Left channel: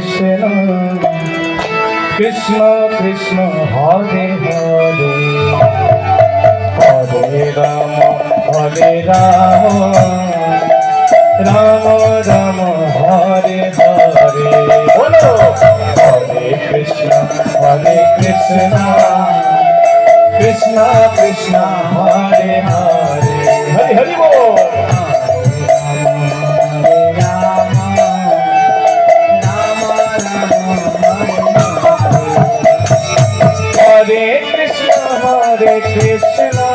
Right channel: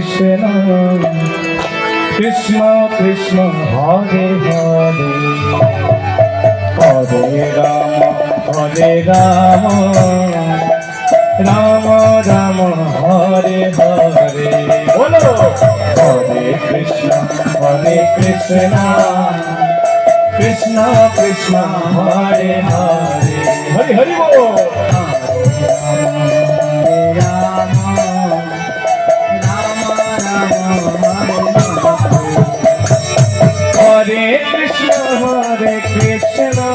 Krishna Krishna Krishna Hare Hare Hare Rama Rama Rama Hare Hare Bolo Hare Krishna Krishna Krishna Hare Hare Hari Hari Bol Hare Krishna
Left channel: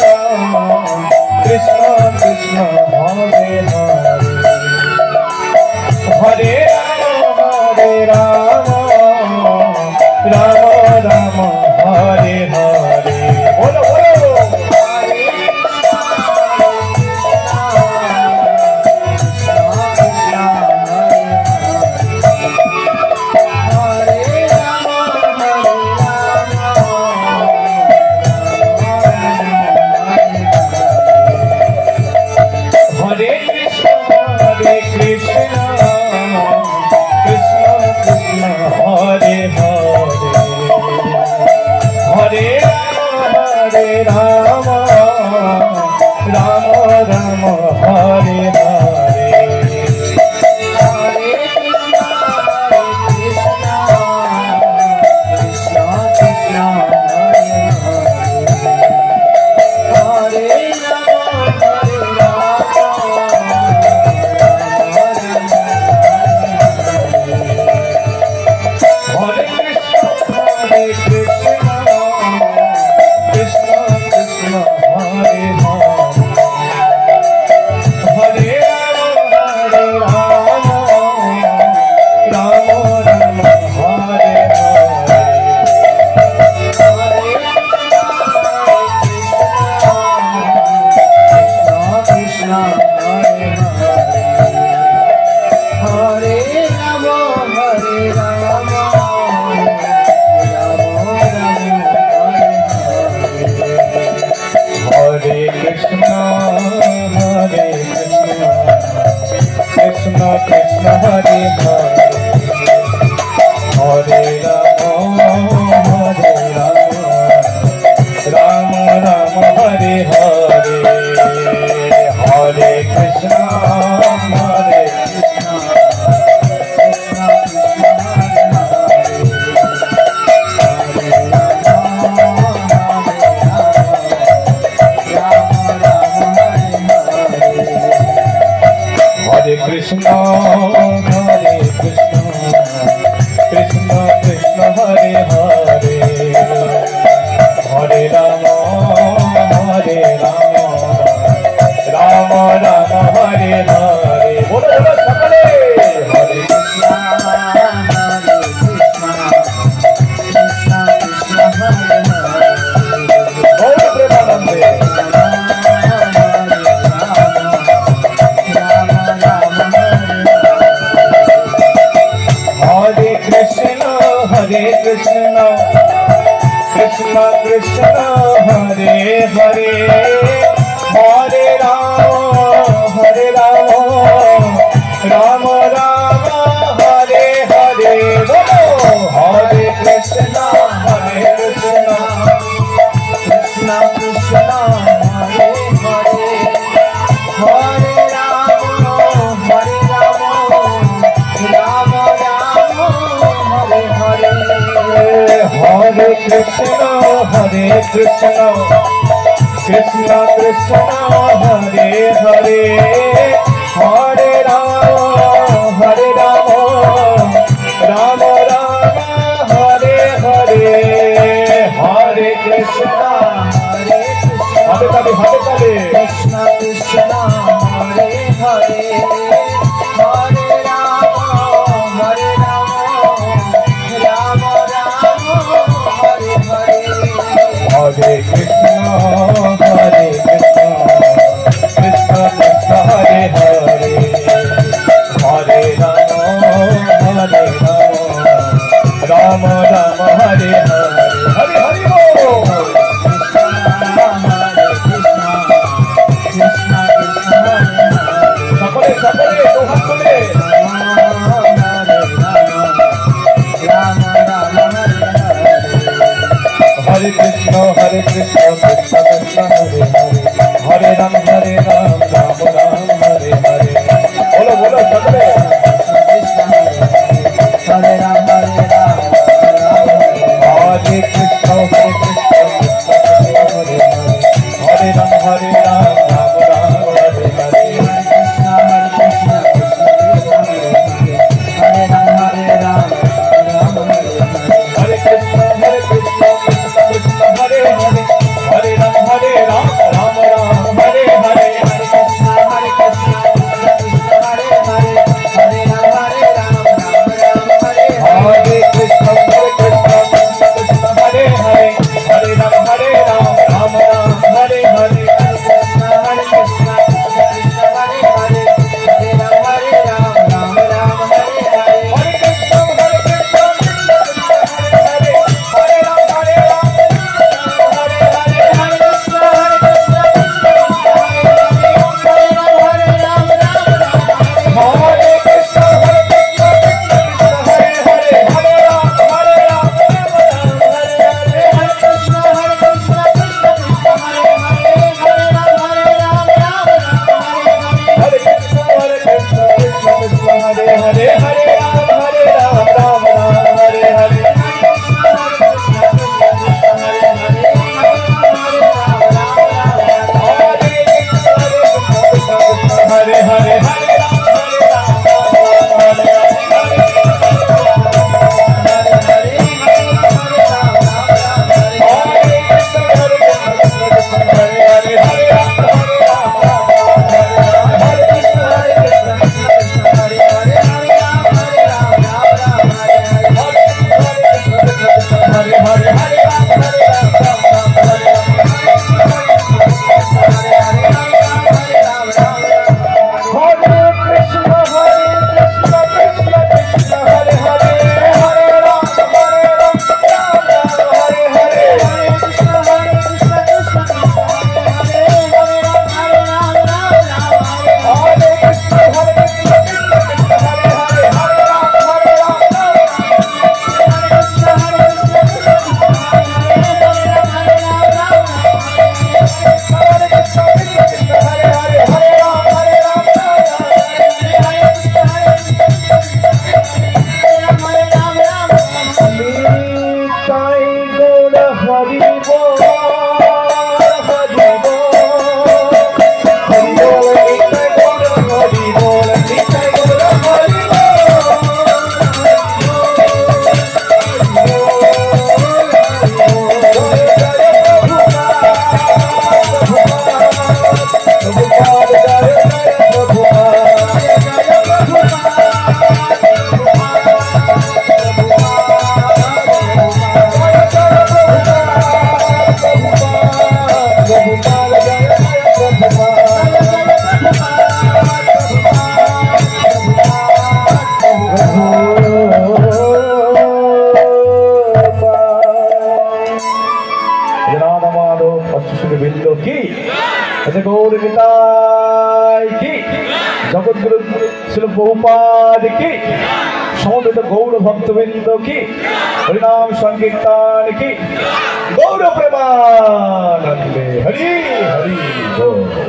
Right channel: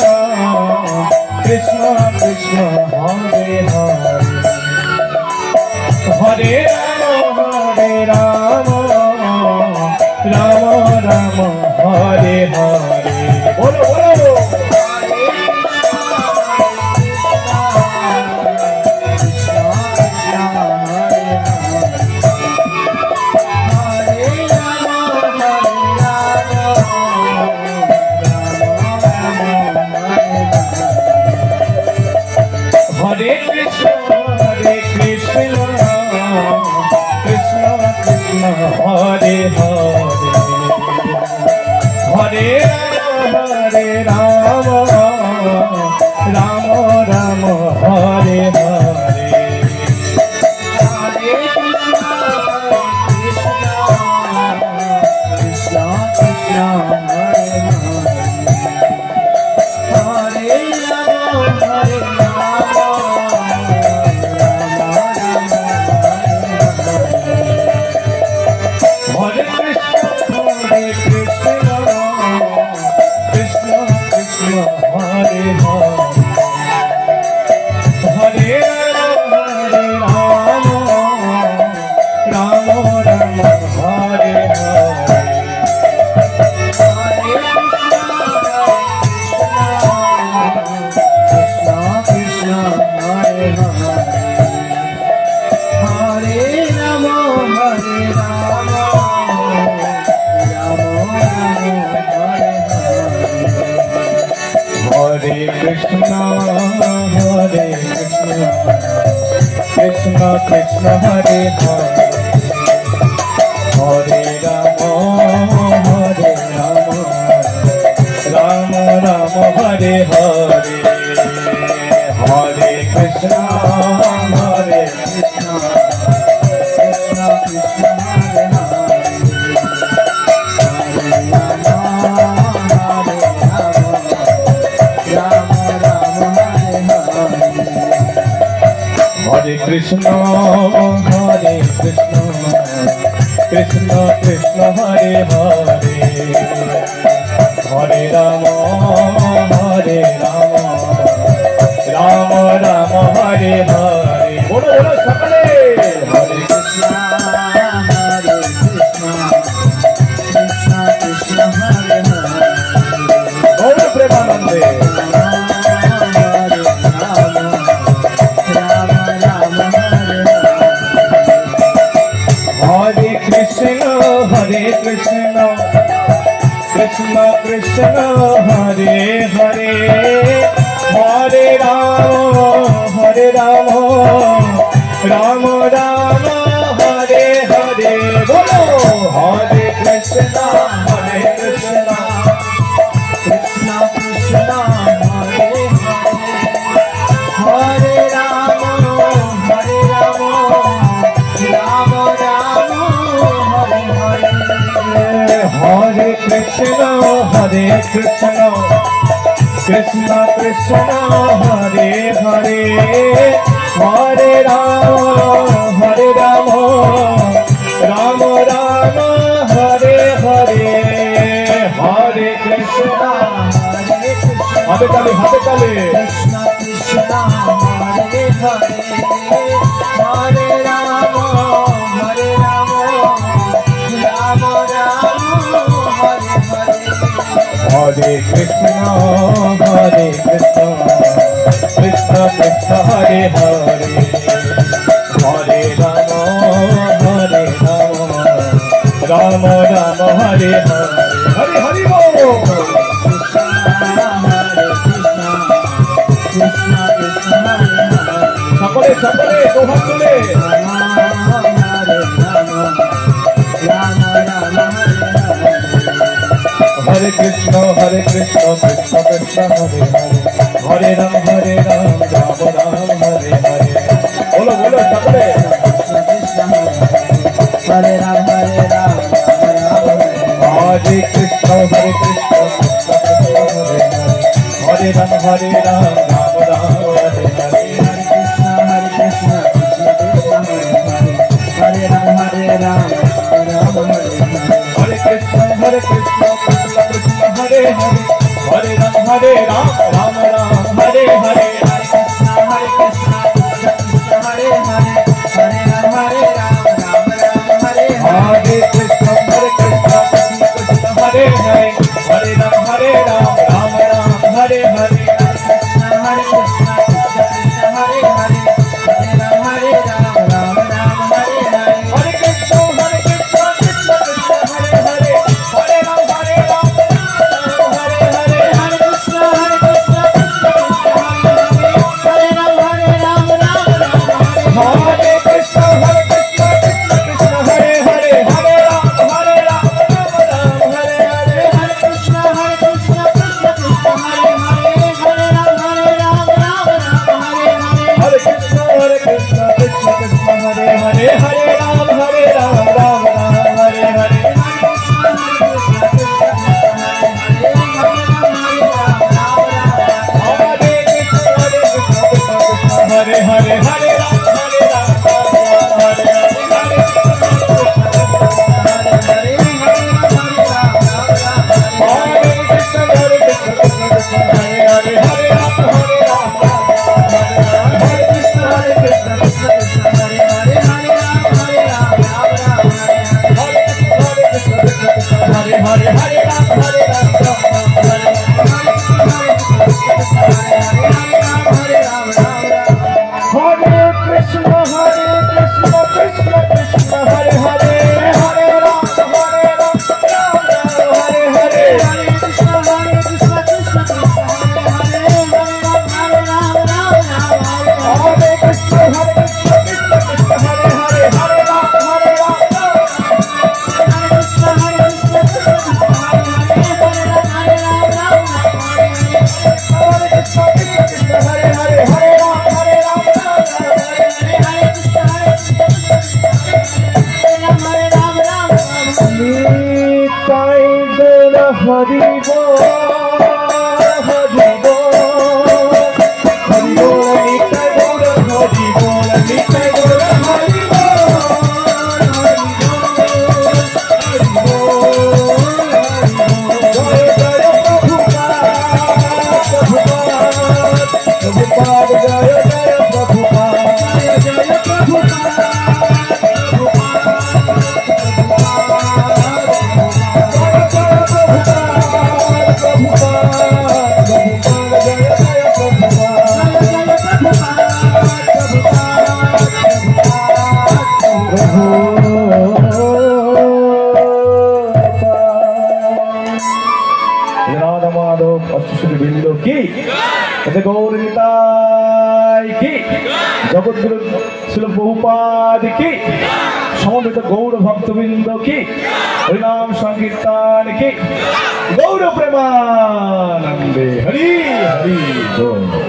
Krishna Krishna Hare Hare Hare Rama Rama Rama Hare Hare Bolo Bolo Krishna Krishna Hare Hare Hare Rama Rama Rama Hare Hare Hare Krishna Krishna Krishna Hare Hare Hare Rama Rama Rama Hare Hare Hare Krishna Hare Ram Hare Ram Ram Ram Hare Hare बोलो बोलो सबसे Hare Ram Hare Ram Hare Krishna Hare Ram Hare Ram Ram Ram Hare Hare Hare Ram Hare Ram Hare Krishna Hare Krishna Krishna Hare Hare Hare Ram Hare Ram Ram Ram Hare Hare Hare Krishna Hare Krishna Krishna Hare Hare Hare Ram Hare Ram Ram Ram Hare Hare Krishna Hare Krishna Krishna Hare Hare Hare Ram Hare Ram Ram Ram Hare Hare Hare Krishna Hare Krishna Krishna Hare Hare Hare Ram Hare Ram Ram Ram Hare Hare Hare Krishna Hare Krishna Krishna Krishna Hare Hare Hare Ram Hare Ram Hare Hare Hare Krishna Hare Krishna Krishna Hare Hare Hare Ram Hare Ram Ram Ram Hare Krishna Hare Krishna Krishna Krishna Hare Hare Hare Ram Hare Ram Hare Hare Hare Krishna Hare Krishna Krishna Krishna Hare Hare Hare Ram Hare Ram Ram Ram Hare Hare Hare Krishna Hare Krishna Krishna Krishna Hare Hare Hare Ram Hare Ram Ram Ram Hare Hare Hare Krishna Hare Krishna Krishna Krishna Hare Hare Hare Hare Hare Ram Hare Ram Hare जगद्गुरु श्री प्रभुपाद की समवेत गौर भक्तवृंद की हरिनाम संकीर्तन की गौर प्रेमानंदे हरि हरि बोल।